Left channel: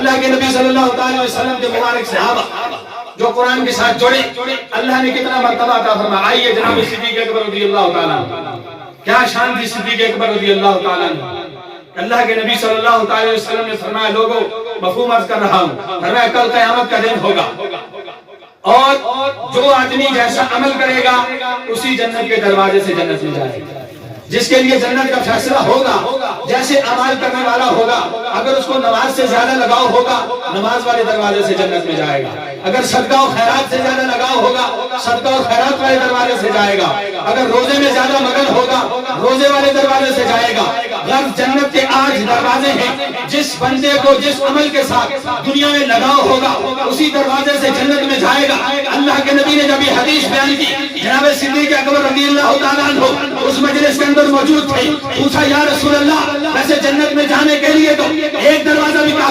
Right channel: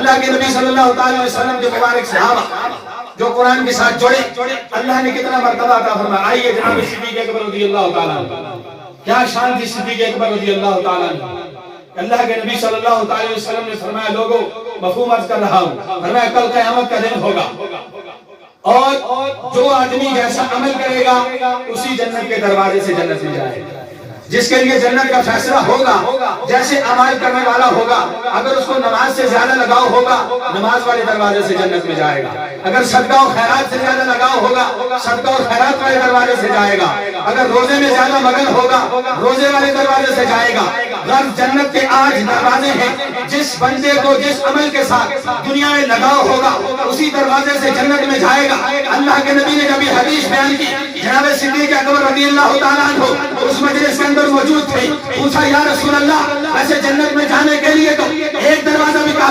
اللہ کے نبی صلی اللہ علیہ وسلم کے مبارک صحابہ جو قرآن کے ساتھ جڑے، اللہ نے کتنا مرتبہ عطا فرمایا. آئیے جناب صدیق اکبر رضی اللہ تعالیٰ عنہ، کیا شان تھی صدیق اکبر رضی اللہ تعالیٰ عنہ. اللہ کے نبی صلی اللہ علیہ وسلم نے فرمایا لوگوں مفہوم عرض کر رہا ہوں، فرمایا کل قیامت کا دن ہوگا اور جو آدمی جیسا عمل کرے گا اسی جنت کے دروازے سے جنت میں جائے گا. جس کے لیے جنت کا فیصلہ ہوگا جیسے اعمال کرنے والا ہوگا. اگر اس کو نماز سے زیادہ لگاؤ ہوگا نماز والے دروازے سے جنت میں جائے گا. اگر صدقہ و خیرات سے زیادہ لگاؤ ہوگا صدقہ و خیرات والے دروازے سے جائے گا. اگر روزے میں زیادہ مگن ہوگا روزے والے دروازے سے جائے گا. غرض جنت کے آج دروازے ہیں. جس بندے کو جس عمل کے ساتھ دنیا میں لگاؤ ہوگا اسی دروازے سے جنت میں جائے گا. اللہ کے نبی نے جب یہ حدیث بیان کی جناب صدیق اکبر رضی اللہ تعالیٰ عنہ اس مجلس کے اندر موجود تھے. پوچھا یا رسول اللہ ویسے جنت میں جانے کے لیے تو ایک دروازہ بھی کافی